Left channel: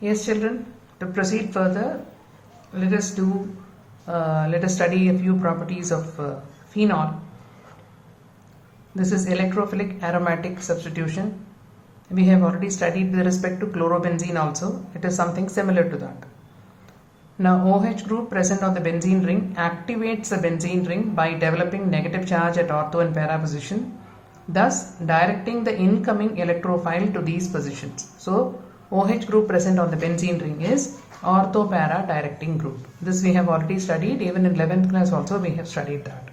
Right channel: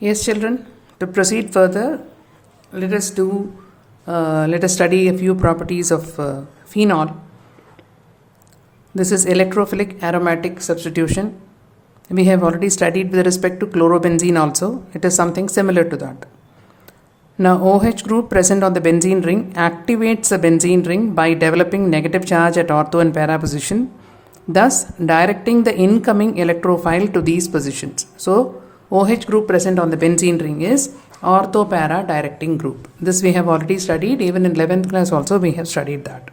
Yes, children, to proceed further, let us study a few properties of phenol. This is electrophilic aromatic substitution. We have already studied with respect to chlorobenzene also. It is something similar to that. Now, OH group present on the benzene ring activates the benzene ring by developing negative charge at ortho and para position, thus directing the incoming electrophile to these positions. So, OH group present on the benzene ring is ortho-para directing group. This we have already studied. Even in 11th class also we have studied that.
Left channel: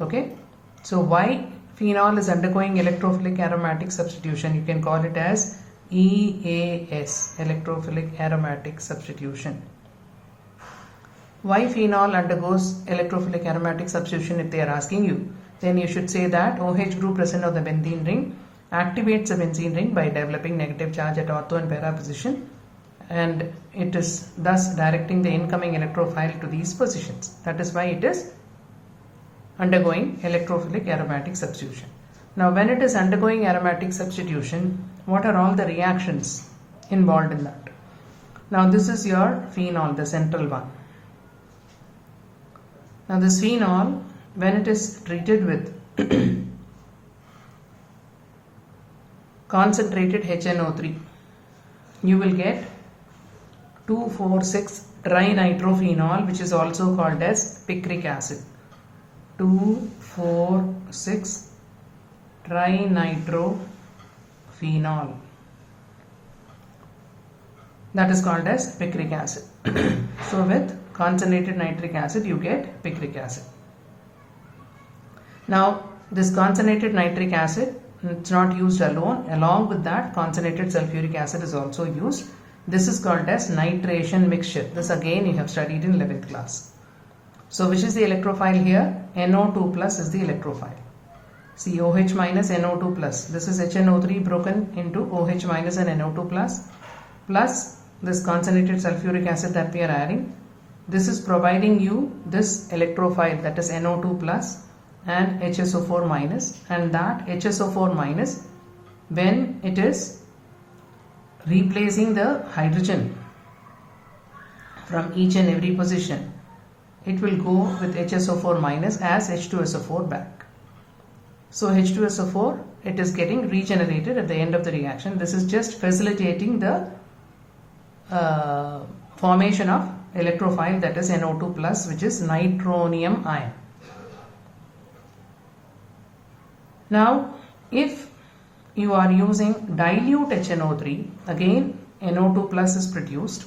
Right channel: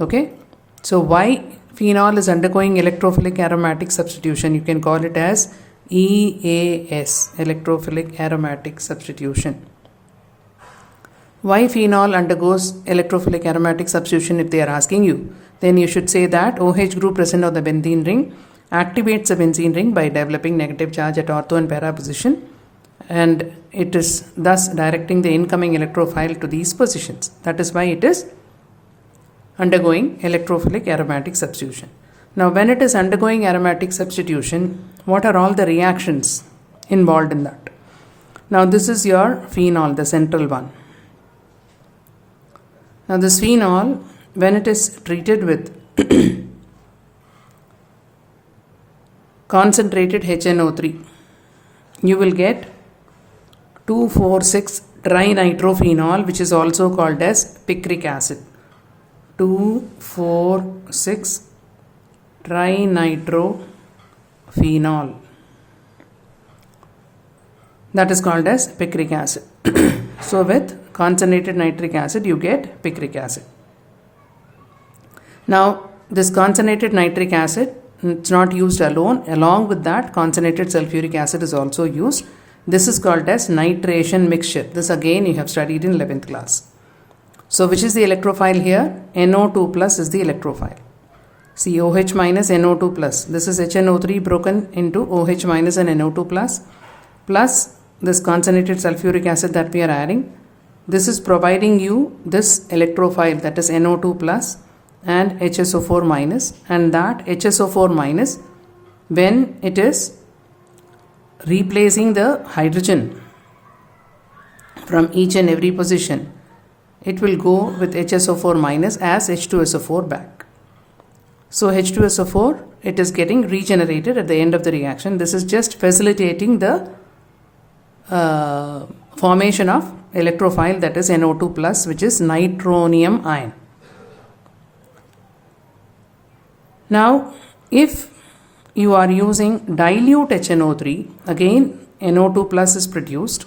Okay. So, why phenol is undergoing electrophilic aromatic substitution? You can call it as EAS, electrophilic aromatic substitution. Why phenol undergoes electrophilic aromatic substitution if they are asking you? Then you should say that OH group present on the benzene ring activates the benzene ring by developing negative charge at ortho and para position, and it is thus directing the incoming electrophile to these positions. That is why it is undergoing electrophilic aromatic substitution. Now, when it is undergoing aromatic substitution, what are all the reactions involved in that? Now, this is your phenol, the central one. Now, this phenol, when it is treated with concentrated HNO3, you will get 2,4,6 trinitrophenol, which is also called as picric acid. 2,4,6 trinitrophenol, that is called as picric acid. So with concentrated nitric acid you get picric acid. Now, this concentrated nitric acid, it's not used alone. Along with that, concentrated sulfuric acid is also used. This is called as nitration mixture. This again you have studied in 11th class. So which is the electrophile here? NO2 plus is the electrophile. See, OH minus NO2 plus. This is HNO3 broken into OH minus and NO2 plus this concentrated sulfuric acid that we are adding. This is providing you this electrophile, that is NO2 plus and HSO4 minus, and that HSO4 minus, when it is replacing the hydrogen from each and every position, it will go with HSO4 minus as H2SO4 back. So H2SO4, it is getting regenerated at the end of the reaction. This is just facilitating the formation of electrophile, that is NO2 plus, which is nitronium ion. Now, if you are using dilute HNO3, again NO2 plus is produced,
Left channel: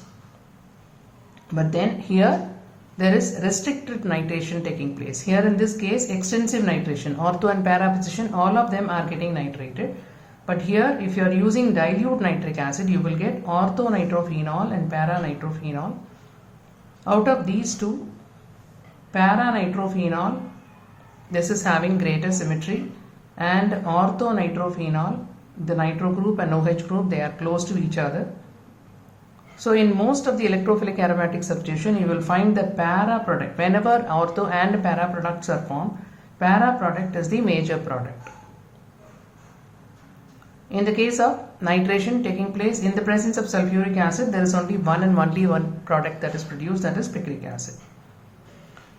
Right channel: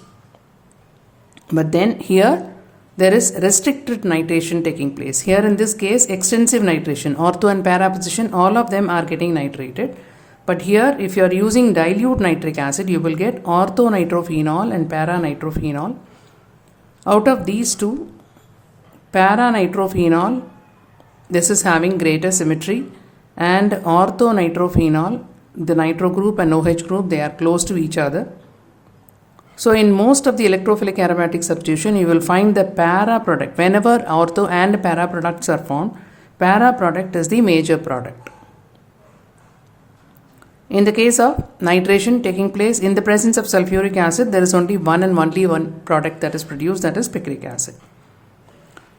but then here there is restricted nitration taking place. Here in this case, extensive nitration, ortho and para position, all of them are getting nitrated. But here, if you are using dilute nitric acid, you will get ortho nitrophenol and para nitrophenol. Out of these two, para nitrophenol, this is having greater symmetry, and ortho nitrophenol, the nitro group and OH group, they are close to each other. So in most of the electrophilic aromatic substitution, you will find the para product. Whenever ortho and para products are formed, para product is the major product. In the case of nitration taking place in the presence of sulfuric acid, there is only one and only one product that is produced, that is picric acid.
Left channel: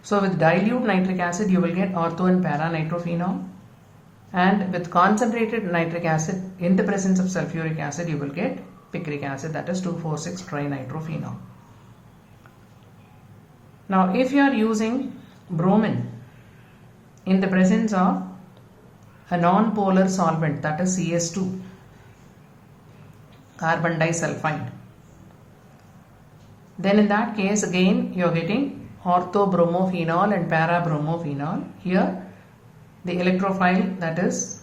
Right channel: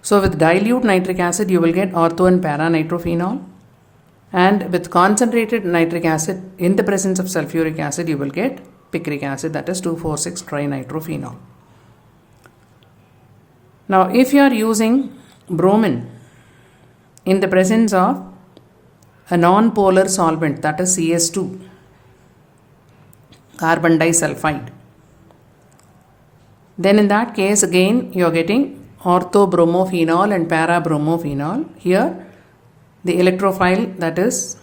So with dilute nitric acid, you will get ortho and para nitrophenol, and with concentrated nitric acid in the presence of sulfuric acid, you will get picric acid, that is 2,4,6 trinitrophenol. Now, if you are using bromine in the presence of a non-polar solvent, that is CS2, carbon disulfide, then in that case again you are getting orthobromophenol and parabromophenol. Here the electrophile that is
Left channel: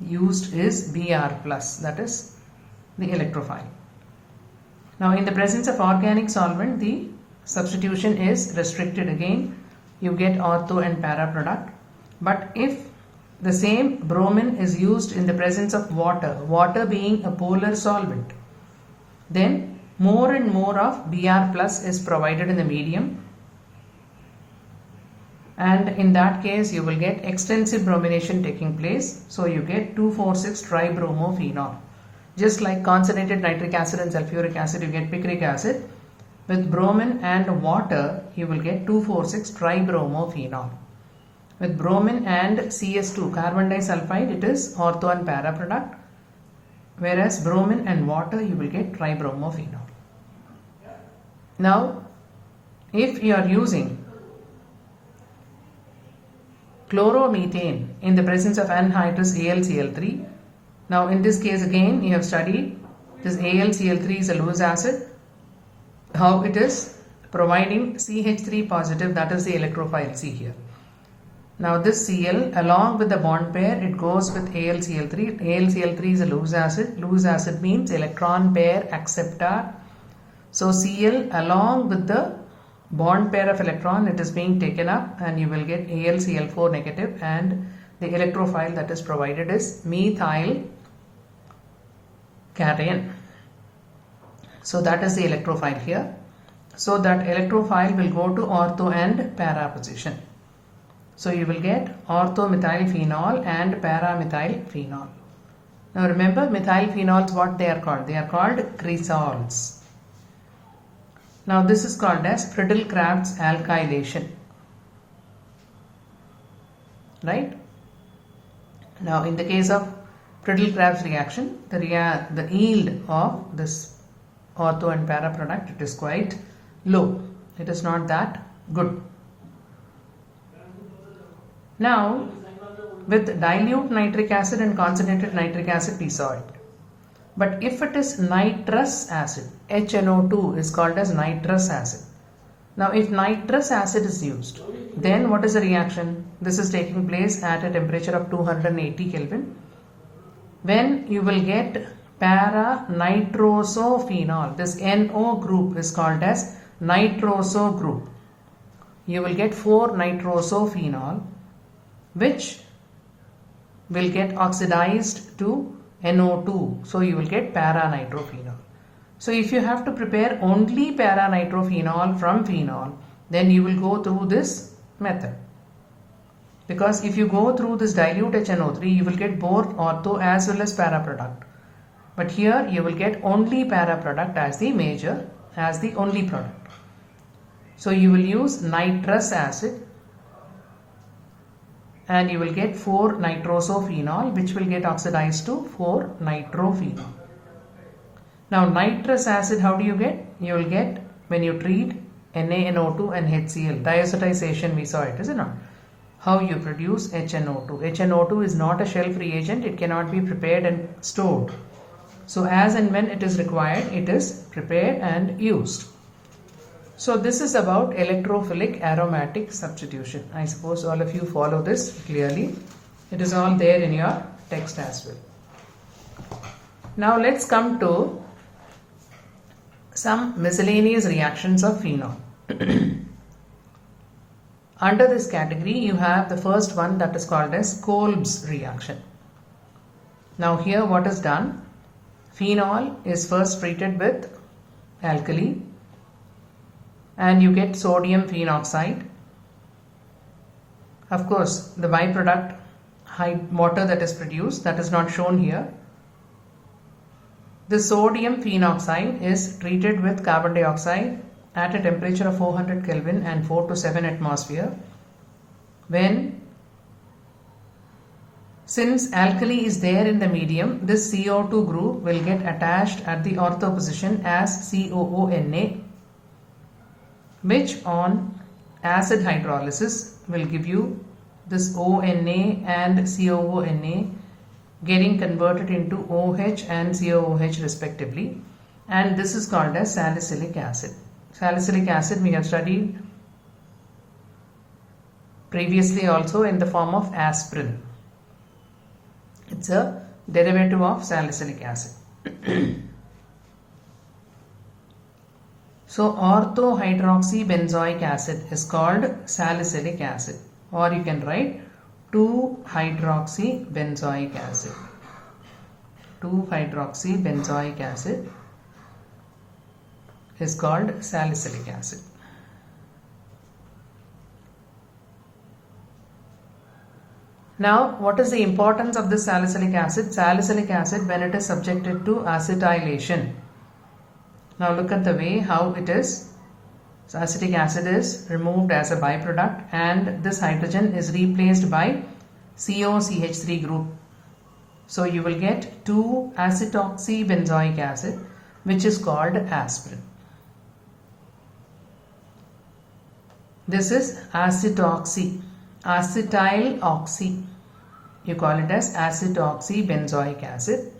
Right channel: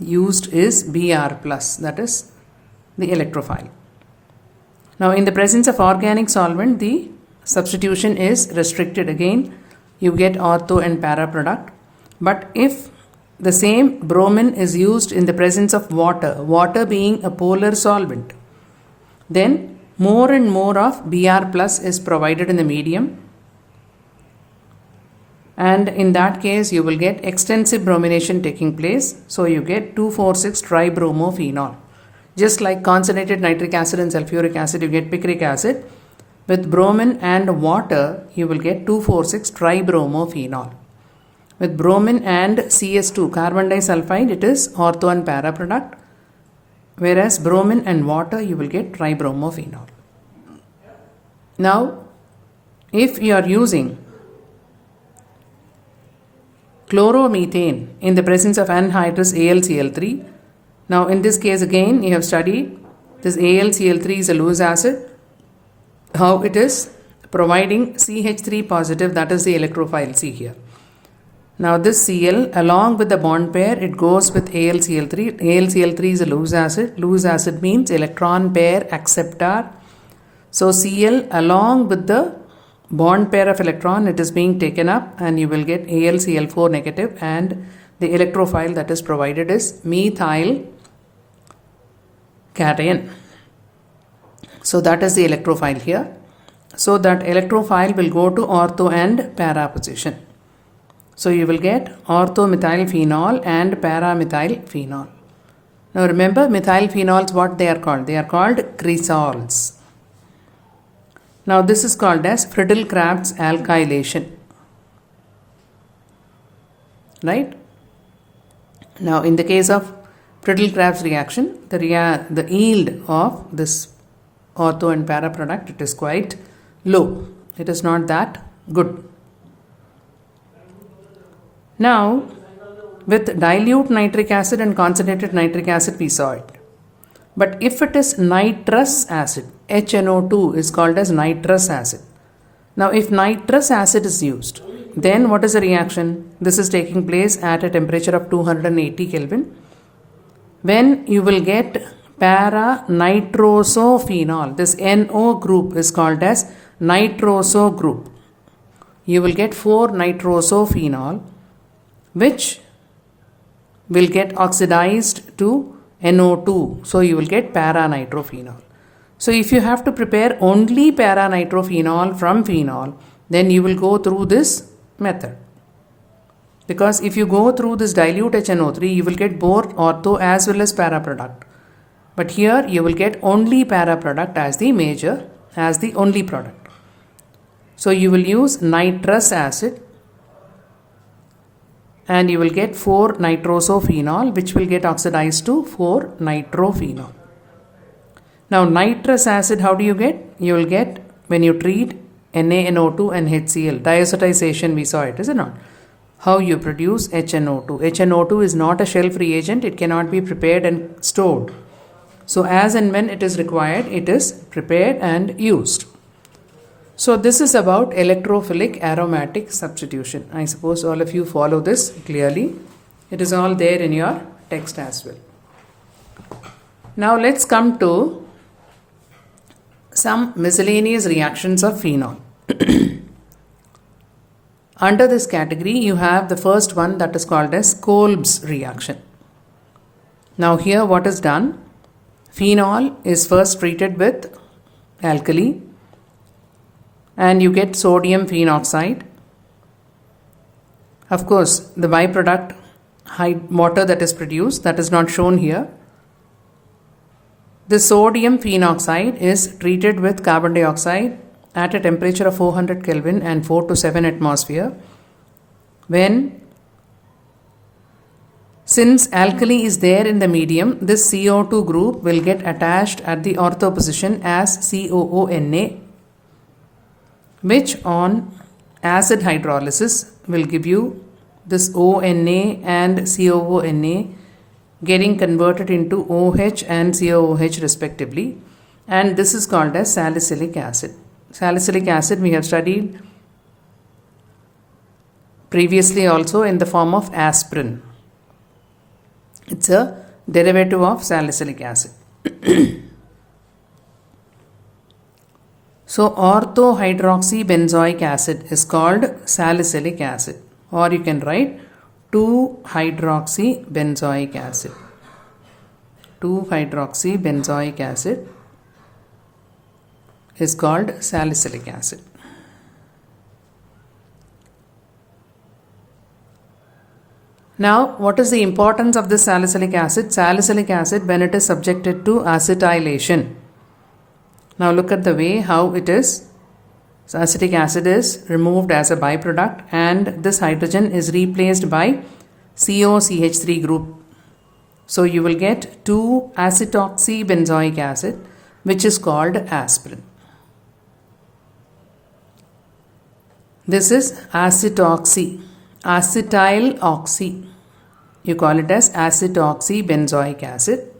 used is Br plus, that is the electrophile. Now, in the presence of organic solvent, the substitution is restricted. Again, you get ortho and para product. But if the same bromine is used in the presence of water being a polar solvent, then more and more of Br plus is provided in the medium, and in that case you will get extensive bromination taking place. So you get 2,4,6 tribromophenol. Just like concentrated nitric acid and sulfuric acid, you get picric acid. With bromine and water, you will get 2,4,6 tribromophenol. With bromine and CS2, carbon disulfide, it is ortho and para product. Whereas bromine and water, you will get tribromophenol. Now, if you are using chloromethane in the presence of anhydrous AlCl3, now in this case again you have studied this AlCl3 is a loose acid, how it is providing CH3 positive, that is the electrophile. See here. Now this Cl along with the bond pair, it goes with AlCl3. AlCl3 is a loose acid. Loose acid means electron pair acceptor. So Cl along with the bond pair of electron, it is being taken up and you will get AlCl4 negative, and the electrophile that is provided is methyl cation. So that is the electrophile here. So that electrophile will go to ortho and para position. So you will get orthomethylphenol and paramethylphenol. Now remember, methylphenols, what they are called? They are called cresols. Now this is called as Friedel-Crafts alkylation. Right? Now in the case of Friedel-Crafts reaction, the yield of this ortho and para product, it is quite low. It is not that good. Now, with dilute nitric acid and concentrated nitric acid, we saw it. But if it is nitrous acid, HNO2 is called as nitrous acid. Now, if nitrous acid is used, then what is the reaction? This is taking place at a temperature of 280 Kelvin. When you will get para-nitrosophenol, this NO group is called as nitroso group. You will get 4-nitrosophenol, which will get oxidized to NO2. So you will get para-nitrophenol. So if you have to prepare only para-nitrophenol from phenol, then you will go through this method. Because if you go through this dilute HNO3, you will get both ortho as well as para product. But here you will get only para product as the major, as the only product. So you will use nitrous acid and you will get 4-nitrosophenol, which will get oxidized to 4-nitrophenol. Now nitrous acid, how do you get? You will get when you treat NaNO2 and HCl. Diazotization, we saw it, is it not? How you produce HNO2. HNO2 is not a shelf reagent. It cannot be prepared and stored. So as and when it is required, it is prepared and used. So this is about electrophilic aromatic substitution. I suppose all of you follow this clearly. It is all there in your text as well. Now let's come to some miscellaneous reactions of phenol. Under this category, you have the first one that is called as Kolbs reaction. Now here what is done? Phenol is first treated with alkali and you get sodium phenoxide. Of course, the byproduct water that is produced, that is not shown here. The sodium phenoxide is treated with carbon dioxide at a temperature of 400 Kelvin and 4 to 7 atmosphere. Since alkali is there in the medium, this CO2 group will get attached at the ortho position as COONA, which on acid hydrolysis will give you this ONA and COONA getting converted into OH and COOH respectively, and this is called as salicylic acid. Salicylic acid we have studied previously also in the form of aspirin. It's a derivative of salicylic acid. So orthohydroxybenzoic acid is called salicylic acid, or you can write 2-hydroxybenzoic acid. 2-hydroxybenzoic acid is called salicylic acid. Now, what is the importance of this salicylic acid? Salicylic acid when it is subjected to acetylation. Now look at the way how it is. So acetic acid is removed as a byproduct and this hydrogen is replaced by COCH3 group. So you will get 2-acetoxybenzoic acid, which is called aspirin. This is acetoxy, acetyl oxy. You call it as acetoxybenzoic acid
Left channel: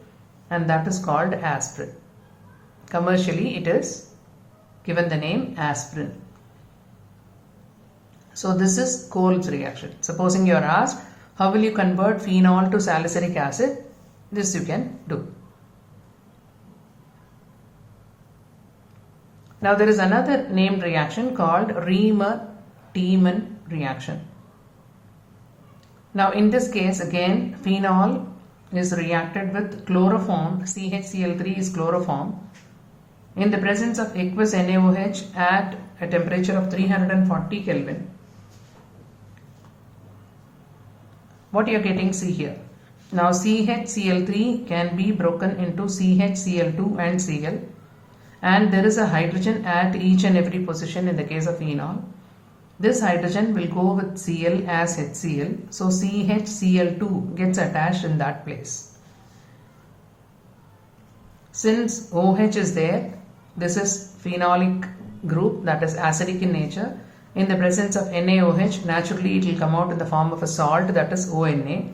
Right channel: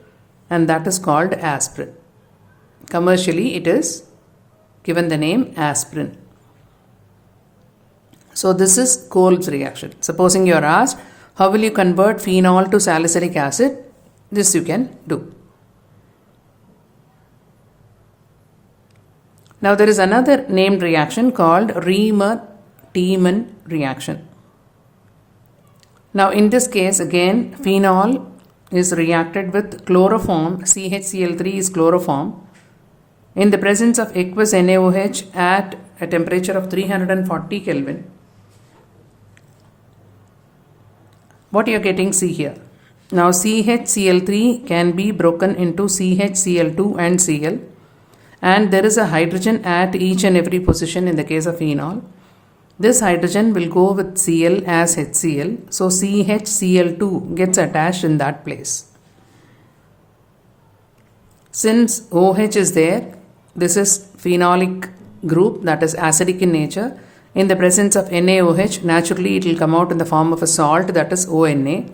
and that is called aspirin. Commercially it is given the name aspirin. So this is Kolb's reaction. Supposing you are asked, how will you convert phenol to salicylic acid? This you can do. Now there is another named reaction called Riemann-Tiemann reaction. Now in this case again phenol is reacted with chloroform, CHCl3 is chloroform, in the presence of aqueous NaOH at a temperature of 340 Kelvin. What you are getting, see here. Now CHCl3 can be broken into CHCl2 and Cl, and there is a hydrogen at each and every position in the case of phenol. This hydrogen will go with Cl as HCl, so CHCl2 gets attached in that place. Since OH is there, this is phenolic group, that is acidic in nature. In the presence of NaOH, naturally it will come out in the form of a salt, that is ONA.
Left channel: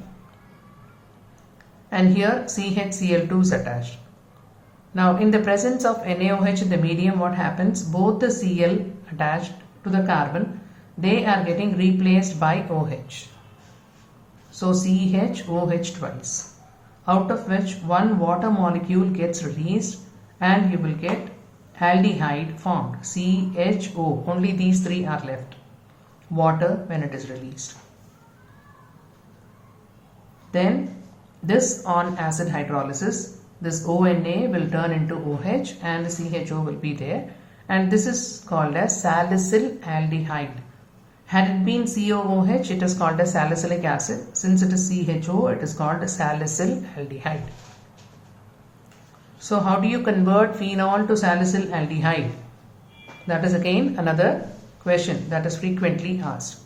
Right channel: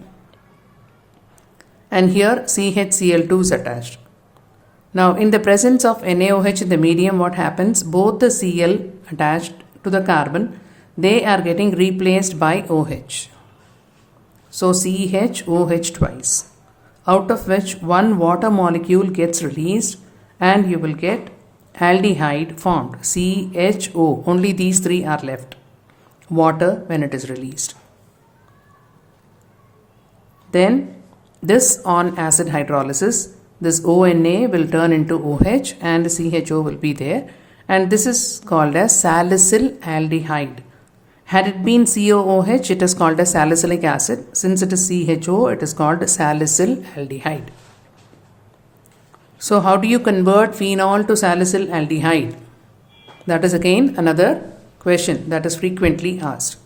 And here CHCl2 is attached. Now in the presence of NaOH in the medium, what happens? Both the Cl attached to the carbon, they are getting replaced by OH. So CHOH twice, out of which one water molecule gets released and you will get aldehyde formed, CHO. Only these three are left. Water when it is released. Then this on acid hydrolysis, this ONA will turn into OH and CHO will be there, and this is called as salicyl aldehyde. Had it been COOH, it is called as salicylic acid. Since it is CHO, it is called salicyl aldehyde. So how do you convert phenol to salicyl aldehyde? That is again another question that is frequently asked.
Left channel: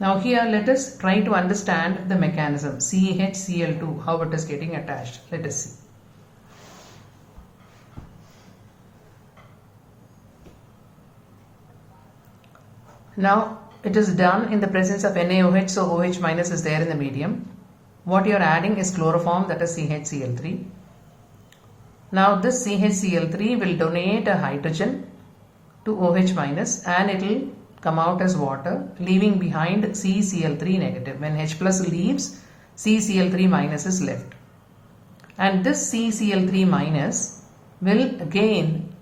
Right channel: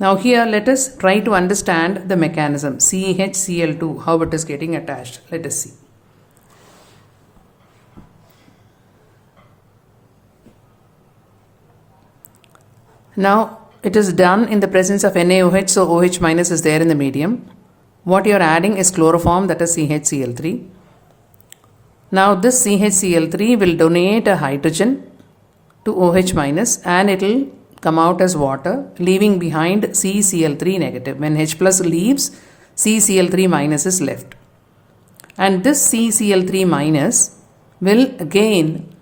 Now here let us try to understand the mechanism. CHCl2, how it is getting attached. Let us see. Now it is done in the presence of NaOH, so OH minus is there in the medium. What you are adding is chloroform, that is CHCl3. Now this CHCl3 will donate a hydrogen to OH minus and it will come out as water, leaving behind CCl3 negative. When H plus leaves, CCl3 minus is left. And this CCl3 minus will again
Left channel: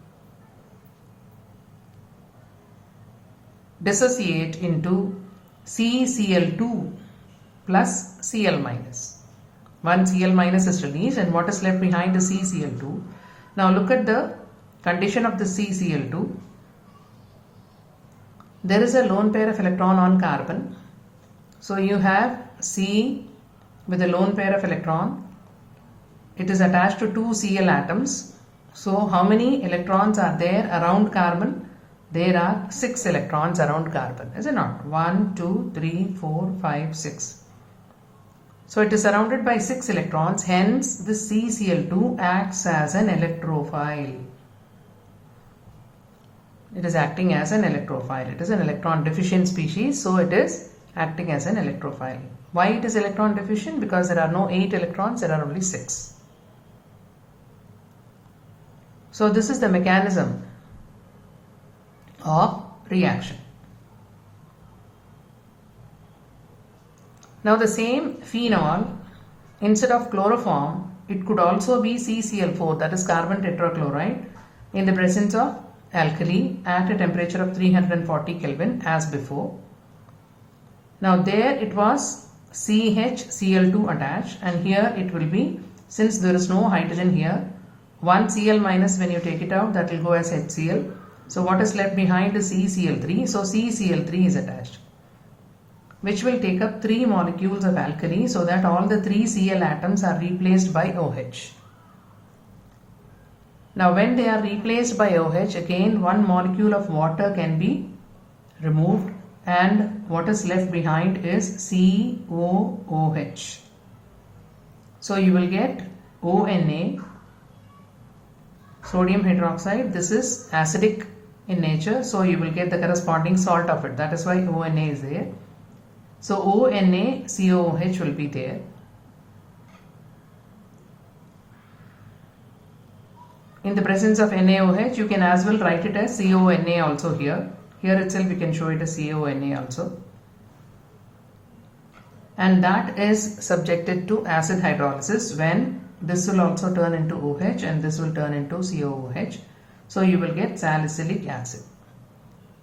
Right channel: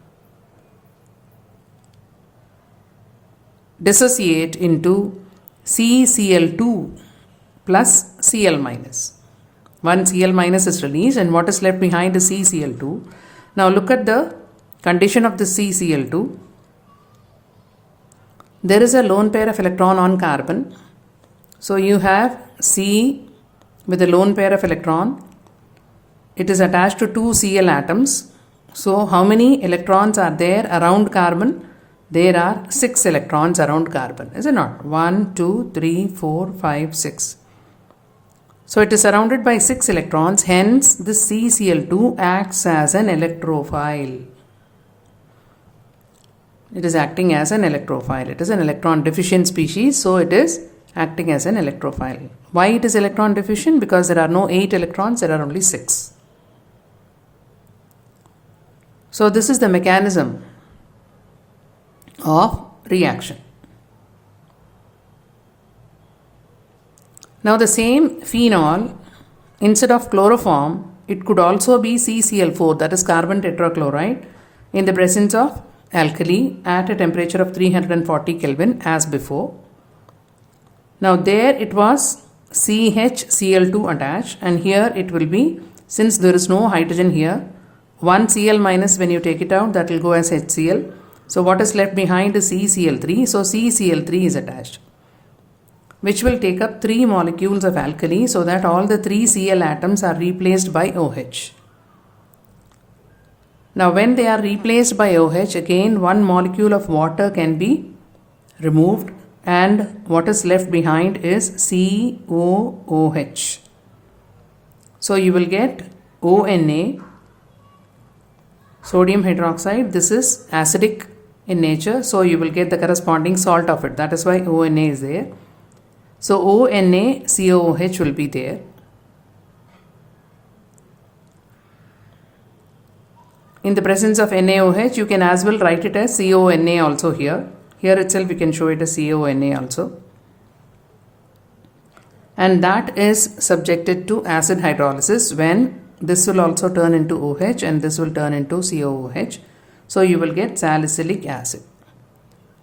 dissociate into CCl2 plus Cl minus. One Cl minus is released and what is left behind is CCl2. Now look at the condition of the CCl2. There is a lone pair of electron on carbon. So you have C with a lone pair of electron. It is attached to two Cl atoms. So how many electrons are there around carbon? There are 6 electrons around carbon, is it not? 1, 2, 3, 4, 5, 6. So it is surrounded by 6 electrons, hence this CCl2 acts as an electrophile. It is acting as an electrophile. It is an electron deficient species, so it is acting as an electrophile. Why it is electron deficient? Because there are no 8 electrons, there are only 6. So this is the mechanism of reaction. Now the same phenol, instead of chloroform, it could also be CCl4, that is carbon tetrachloride, in the presence of alkali at a temperature of 340 Kelvin as before. Now there it was CHCl2 attached, and here it will be, since there is no hydrogen here, one Cl minus, when you take it out, that will go as HCl. So what is left behind is CCl3, so CCl3 is attached. which will take up 3 molecules of alkali so that all the 3 Cl atoms are replaced by OH. Now when they are replaced by OH, again one molecule of water can be removed and what is left behind is COOH. So you will get ONA, sodium hydroxide. This is acidic in nature, so you will get the corresponding salt of it. That is why ONA is there. So ONA COOH will be there. In the presence of NaOH, you can as well write it as CONA also here. Here itself you can show it as CONA also. And that is subjected to acid hydrolysis when this will also turn into OH and this will turn into COOH. So you will get salicylic acid.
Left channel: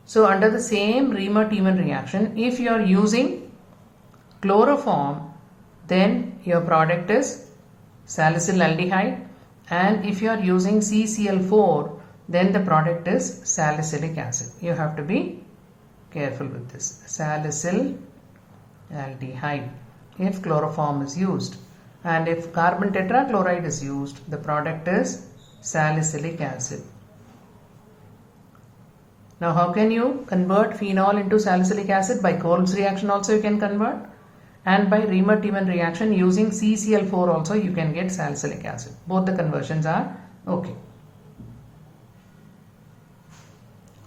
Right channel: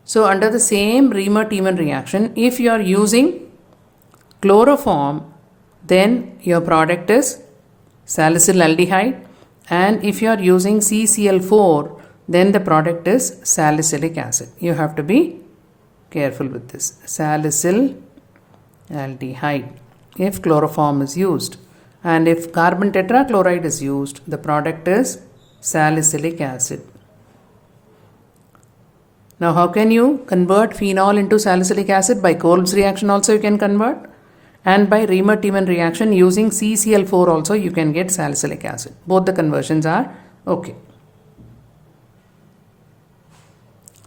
So under the same Riemann-Tiemann reaction, if you are using chloroform, then your product is salicylaldehyde, and if you are using CCl4, then the product is salicylic acid. You have to be careful with this. Salicylaldehyde if chloroform is used, and if carbon tetrachloride is used, the product is salicylic acid. Now how can you convert phenol into salicylic acid? By Kolbs reaction also you can convert, and by Riemann-Tiemann reaction using CCl4 also you can get salicylic acid. Both the conversions are okay.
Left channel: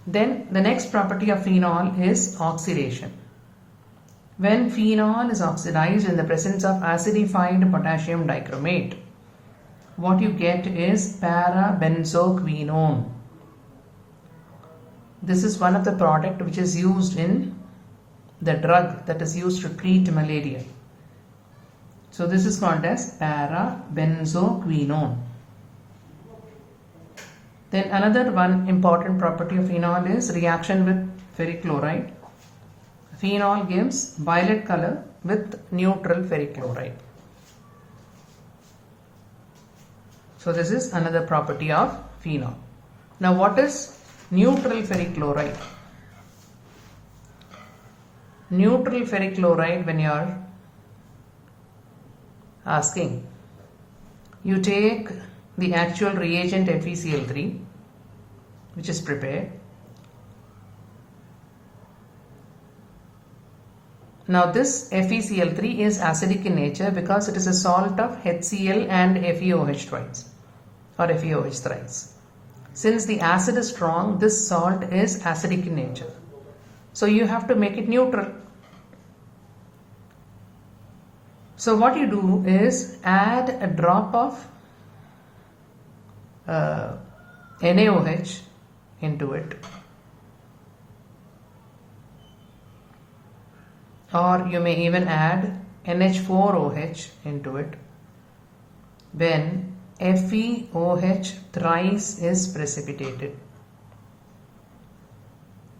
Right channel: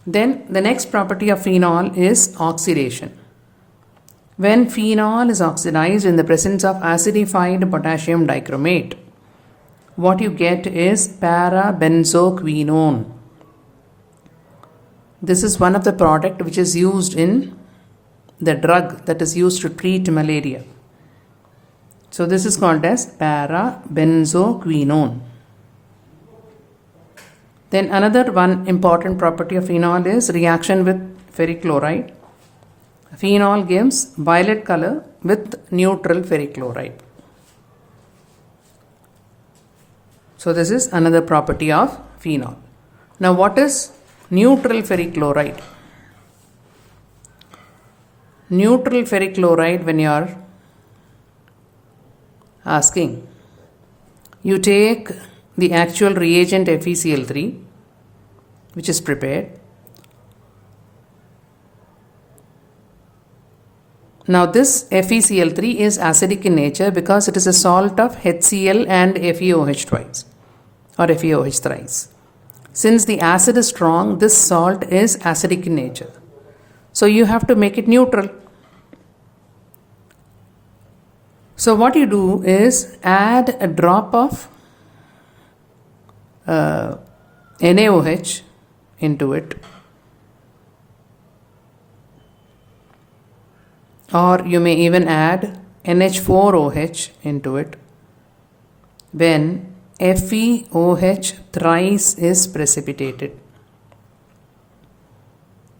Then the next property of phenol is oxidation. When phenol is oxidized in the presence of acidified potassium dichromate, what you get is parabenzoquinone. This is one of the product which is used in the drug that is used to treat malaria. So this is called as parabenzoquinone. Then another one important property of phenol is reaction with ferric chloride. Phenol gives violet color with neutral ferric chloride. So this is another property of phenol. Now what is neutral ferric chloride? Neutral ferric chloride, when you are asking, you take the actual reagent FeCl3 which is prepared. Now this FeCl3 is acidic in nature because it is a salt of HCl and FeOH twice or FeOH thrice. Since the acid is strong, this salt is acidic in nature. So you have to make it neutral. So what you do is add a drop of NaOH into it, or you may even add NH4OH into it. When FeOH thrice is precipitated,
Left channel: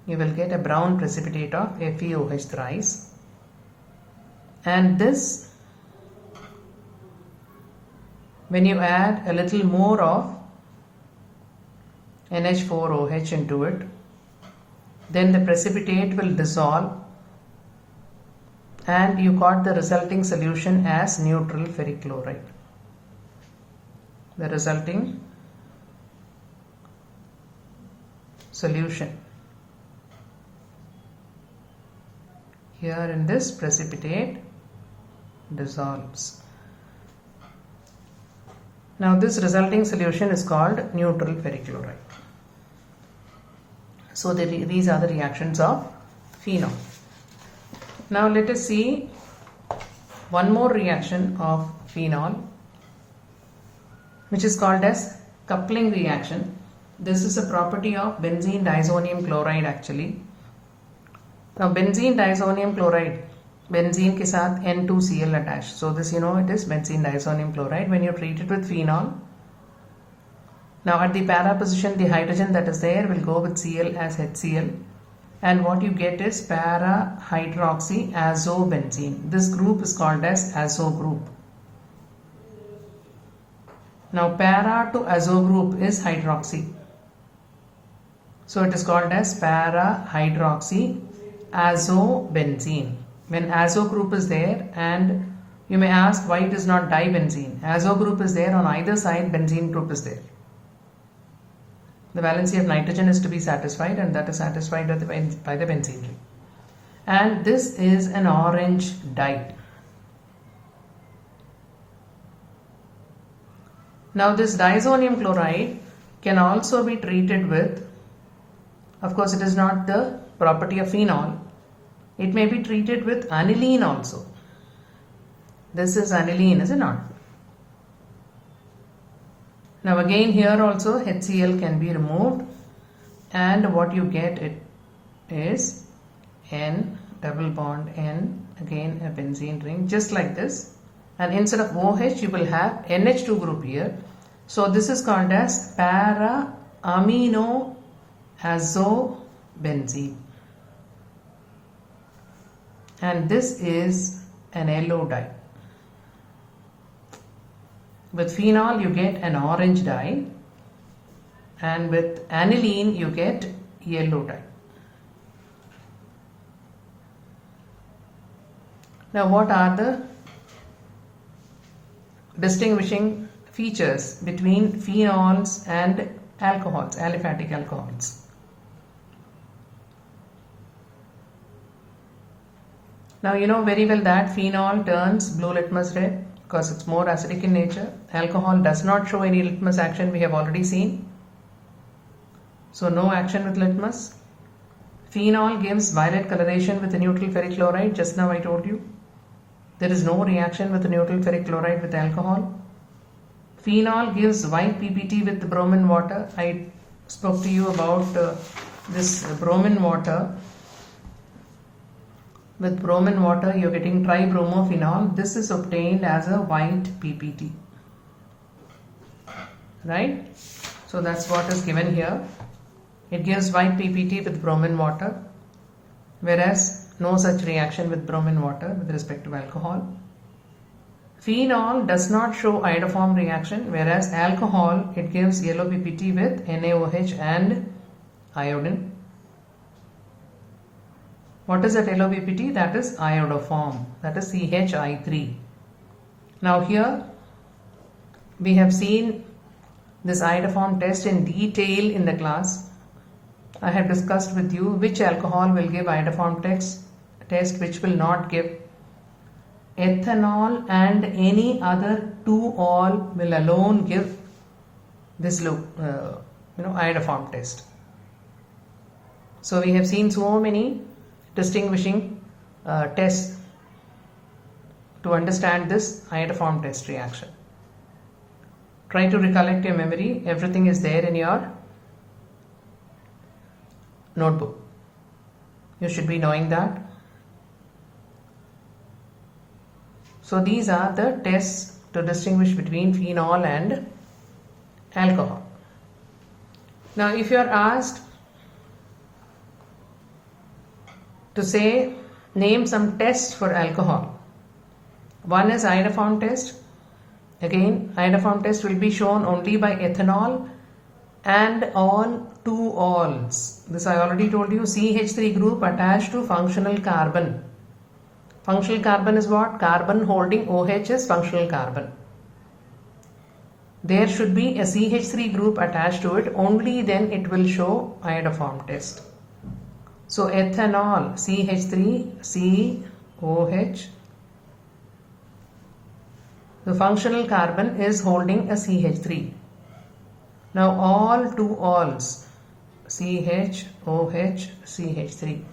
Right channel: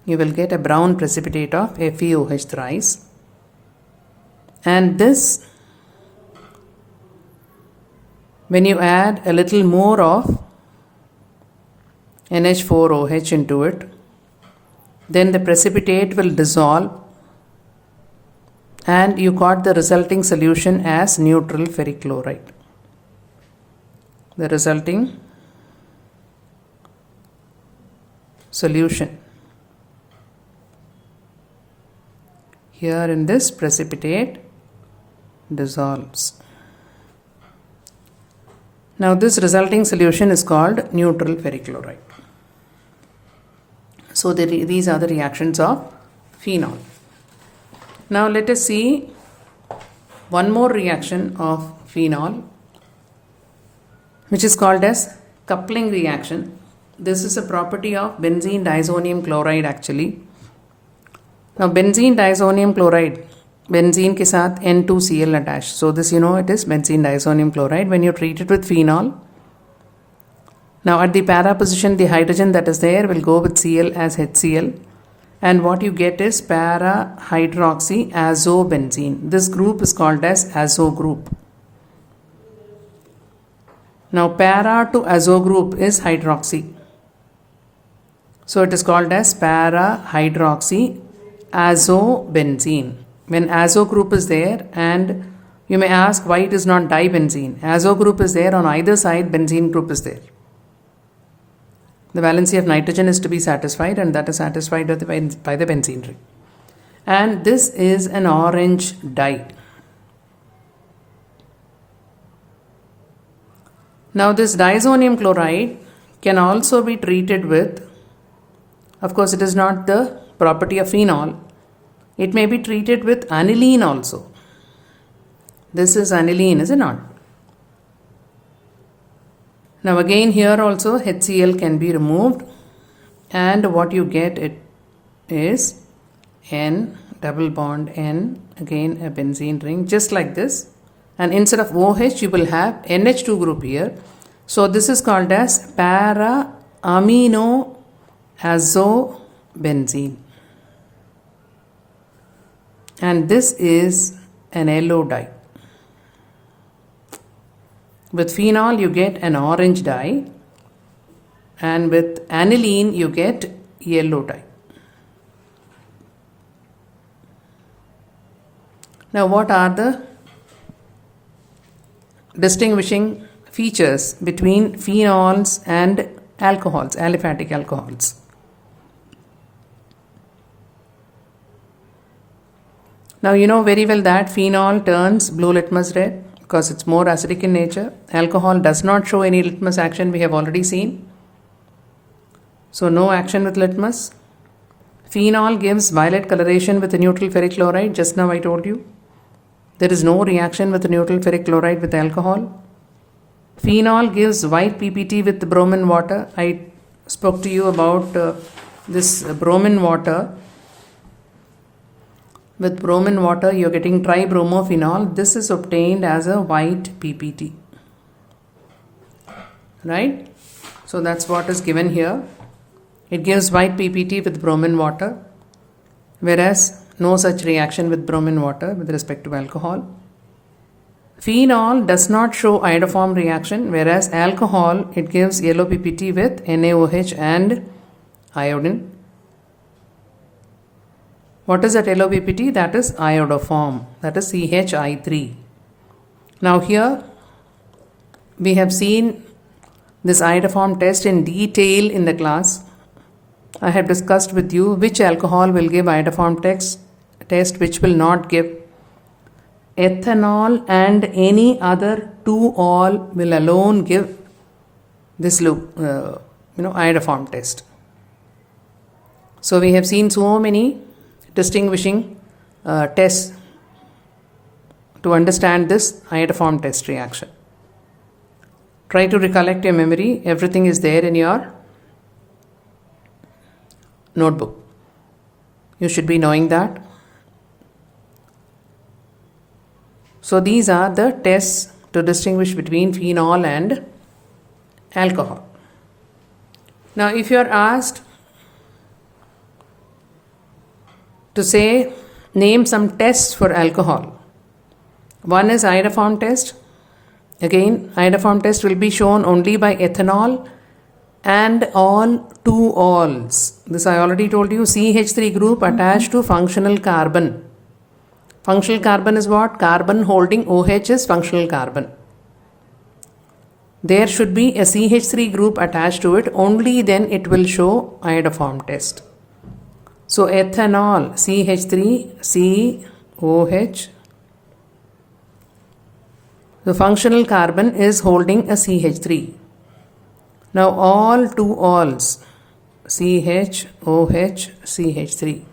you will get a brown precipitate of FeOH thrice, and this, when you add a little more of NH4OH into it, then the precipitate will dissolve and you got the resulting solution as neutral ferric chloride. The resulting solution here in this precipitate dissolves. Now this resulting solution is called neutral ferric chloride. So these are the reactions of phenol. Now let us see one more reaction of phenol, which is called as coupling reaction. This is a property of benzene diazonium chloride actually. Now benzene diazonium chloride, benzene के साथ N2Cl attached. So this, you know, it is benzene diazonium chloride. When you treat it with phenol, now at the para position, the hydrogen that is there will go with Cl as HCl, and what you get is para hydroxyazobenzene. This group is called as azo group. Now para to azo group is hydroxy, so it is called as para hydroxyazobenzene. when azo group is there, and you may ask why it is not dibenzene. Azo group is there on either side, benzene group is there. The valency of nitrogen is to be satisfied, and that is satisfied by the benzene ring. And this is an orange dye. Now this diazonium chloride can also be treated with, of course it is not the property of phenol, it may be treated with aniline also. This is aniline, is it not? Now again here also HCl can be removed, and what you get it is N double bond N, again a benzene ring, just like this, and instead of OH you will have NH2 group here. So this is called as para amino azobenzene, and this is an yellow dye. With phenol you get an orange dye, and with aniline you get yellow dye. Now what are the distinguishing features between phenols and alcohols, aliphatic alcohols? Now you know very well that phenol turns blue litmus red because it's more acidic in nature. Alcohol does not show any litmus action, we have already seen. So no action with litmus. Phenol gives violet coloration with the neutral ferric chloride, just now I told you. There is no reaction with the neutral ferric chloride with alcohol. Phenol gives white PPT with the bromine water. I spoke to you about this bromine water. With bromine water you are getting tribromophenol. This is obtained as a white PPT. Right? So that's what is given here. It gives white PPT with bromine water, whereas no such reaction with bromine water with respect to alcohol. Phenol does not show iodoform reaction, whereas alcohol, it gives yellow PPT with NaOH and iodine. What is that yellow PPT? That is iodoform, that is CHI3. Now here we have seen this iodoform test in detail in the class. I have discussed with you which alcohol will give iodoform test, which will not give. Ethanol and any other 2-ol will alone give this iodoform test. So we have seen so many distinguishing tests to understand this iodoform test reaction. Try to recollect your memory. Everything is there in your notebook. You should be knowing that. So these are the tests to distinguish between phenol and alcohol. Now if you are asked to say, name some tests for alcohol. One is iodoform test. Again, iodoform test will be shown only by ethanol and on 2-ols. This I already told you. CH3 group attached to functional carbon. Functional carbon is what? Carbon holding OH is functional carbon. There should be a CH3 group attached to it, only then it will show iodoform test. So ethanol, CH3, COH. The functional carbon is holding a CH3. Now all 2-ols, CH, OH, CH3.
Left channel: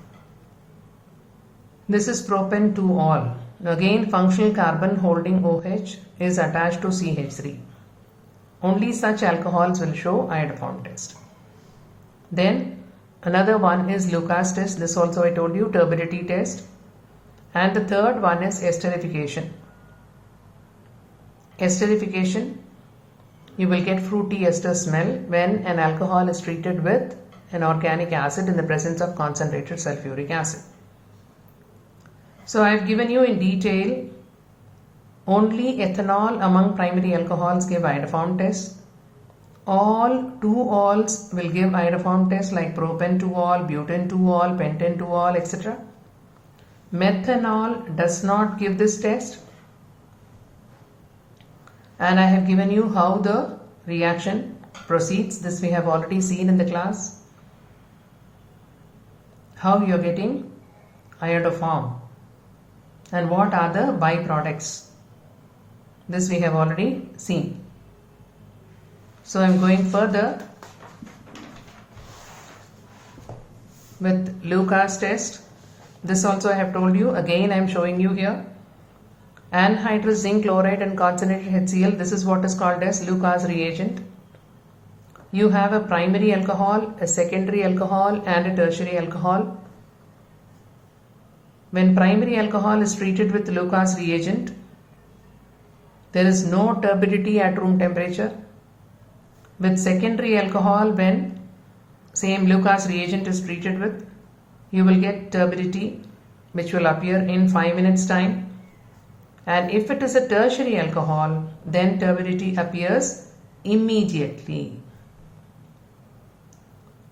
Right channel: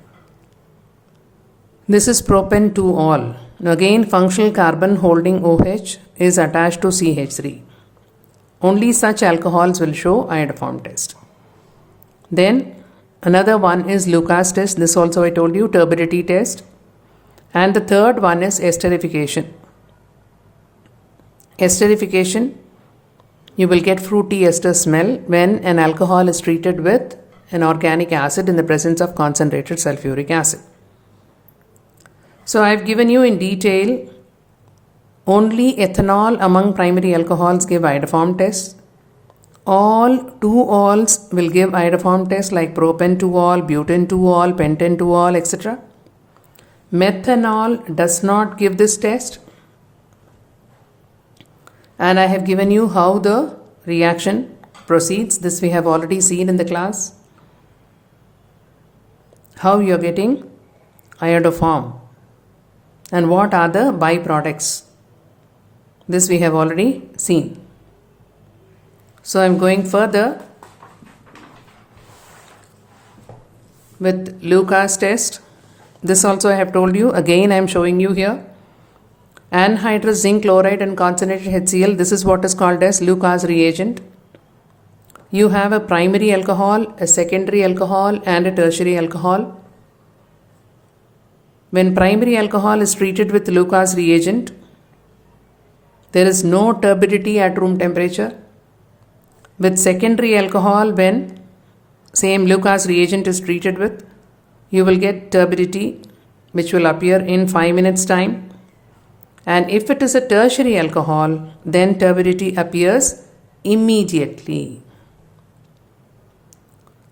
This is propane 2-ol. Now again functional carbon holding OH is attached to CH3. Only such alcohols will show iodoform test. Then another one is Lucas test. This also I told you, turbidity test. And the third one is esterification. Esterification, you will get fruity ester smell when an alcohol is treated with an organic acid in the presence of concentrated sulfuric acid. So I have given you in detail only ethanol among primary alcohols give iodoform test. All 2-ols will give iodoform test like propane 2-ol, butane 2-ol, pentane 2-ol, etc. Methanol does not give this test, and I have given you how the reaction proceeds. This we have already seen in the class. How you are getting iodoform and what are the byproducts. This we have already seen. So I am going further with Lucas test. This also I have told you. Again I am showing you here. Anhydrous zinc chloride and concentrated HCl. This is what is called as Lucas reagent. You have a primary alcohol, a secondary alcohol and a tertiary alcohol. When primary alcohol is treated with Lucas reagent, there is no turbidity at room temperature. With secondary alcohol, when same Lucas reagent is treated with, you will get turbidity which will appear in 5 minutes time. And if it is a tertiary alcohol, then turbidity appears immediately.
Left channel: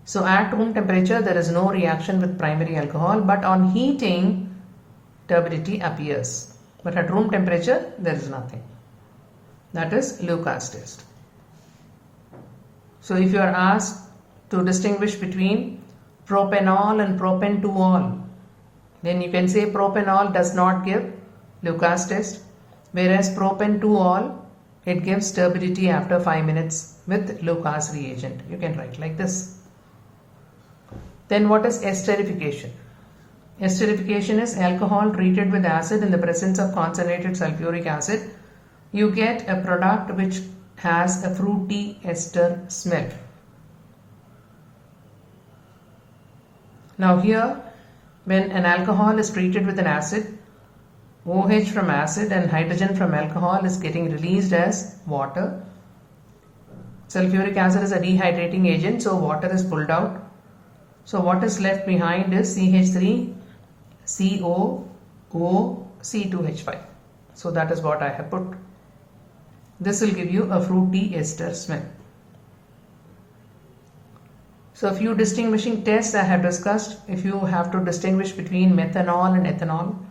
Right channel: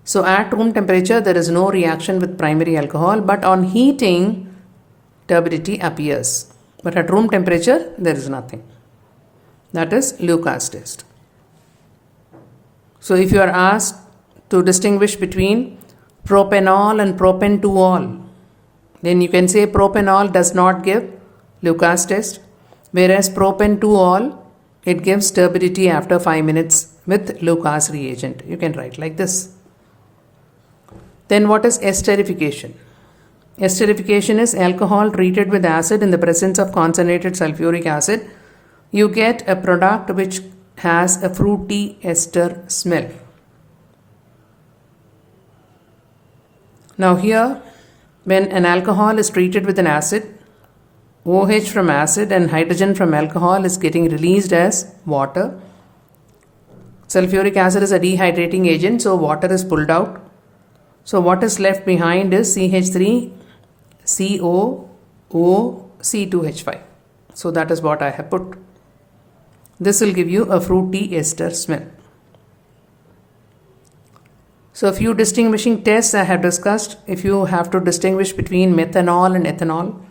So at room temperature there is no reaction with primary alcohol, but on heating turbidity appears. But at room temperature there is nothing. That is Lucas test. So if you are asked to distinguish between propanol and propan-2-ol, then you can say propanol does not give Lucas test, whereas propan-2-ol, it gives turbidity after 5 minutes with Lucas reagent. You can write like this. Then what is esterification? Esterification is alcohol treated with acid in the presence of concentrated sulfuric acid. You get a product which has a fruity ester smell. Now here, when an alcohol is treated with an acid, OH from acid and hydrogen from alcohol is getting released as water. Sulfuric acid is a dehydrating agent, so water is pulled out. So what is left behind is CH3, CO, O, C2H5. So that is what I have put. This will give you a fruity ester smell. So a few distinguishing tests I have discussed. If you have to distinguish between methanol and ethanol.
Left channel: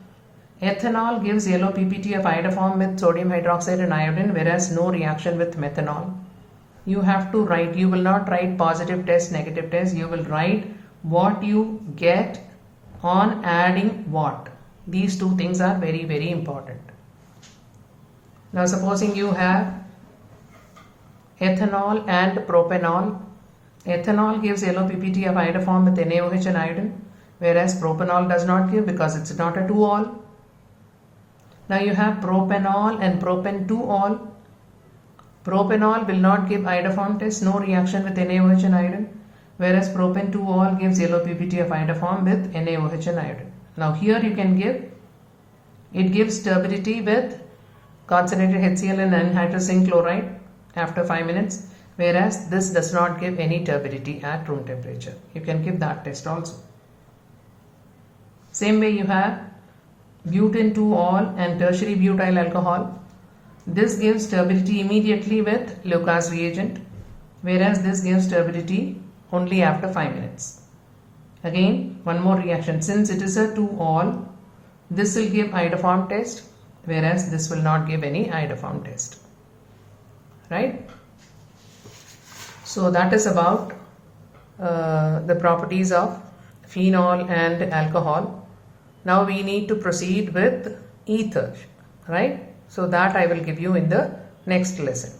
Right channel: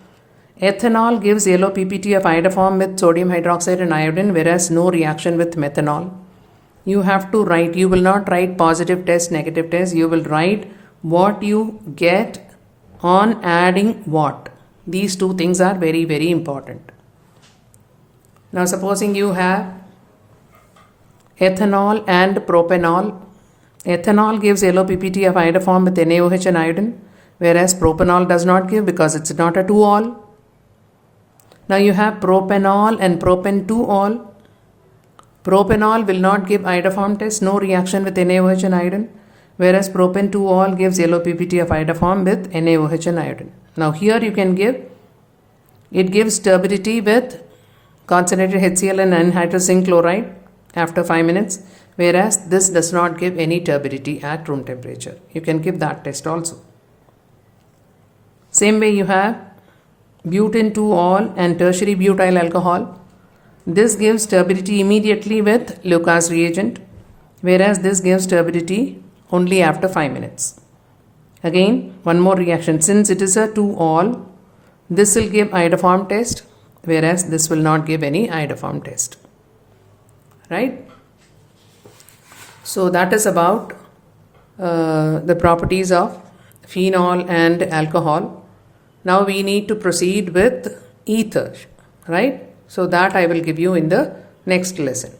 Ethanol gives yellow PPT of iodoform with sodium hydroxide and iodine, whereas no reaction with methanol. You have to write, you will not write positive test, negative test. You will write what you get on adding what. These two things are very, very important. Now supposing you have ethanol and propanol. Ethanol gives yellow PPT of iodoform with NaOH and iodine, whereas propanol does not give because it's not a 2-ol. Now you have propanol and propan-2-ol. Propanol will not give iodoform test, no reaction with NaOH and iodine, whereas propan-2-ol gives yellow PPT of iodoform with NaOH and iodine. Now here you can give, it gives turbidity with concentrated HCl and anhydrous zinc chloride after 5 minutes, whereas this does not give any turbidity at room temperature. You can give that test also. Same way you have butane-2-ol and tertiary butyl alcohol. This gives turbidity immediately with Lucas reagent, whereas this gives turbidity only after 5 minutes. Again, one more reaction. Since it is a 2-ol, this will give iodoform test, whereas this will not give any iodoform test. Right? So that is about the properties of phenol and alcohol. Now we need to proceed with ether, right? So that I will give you in the next lesson.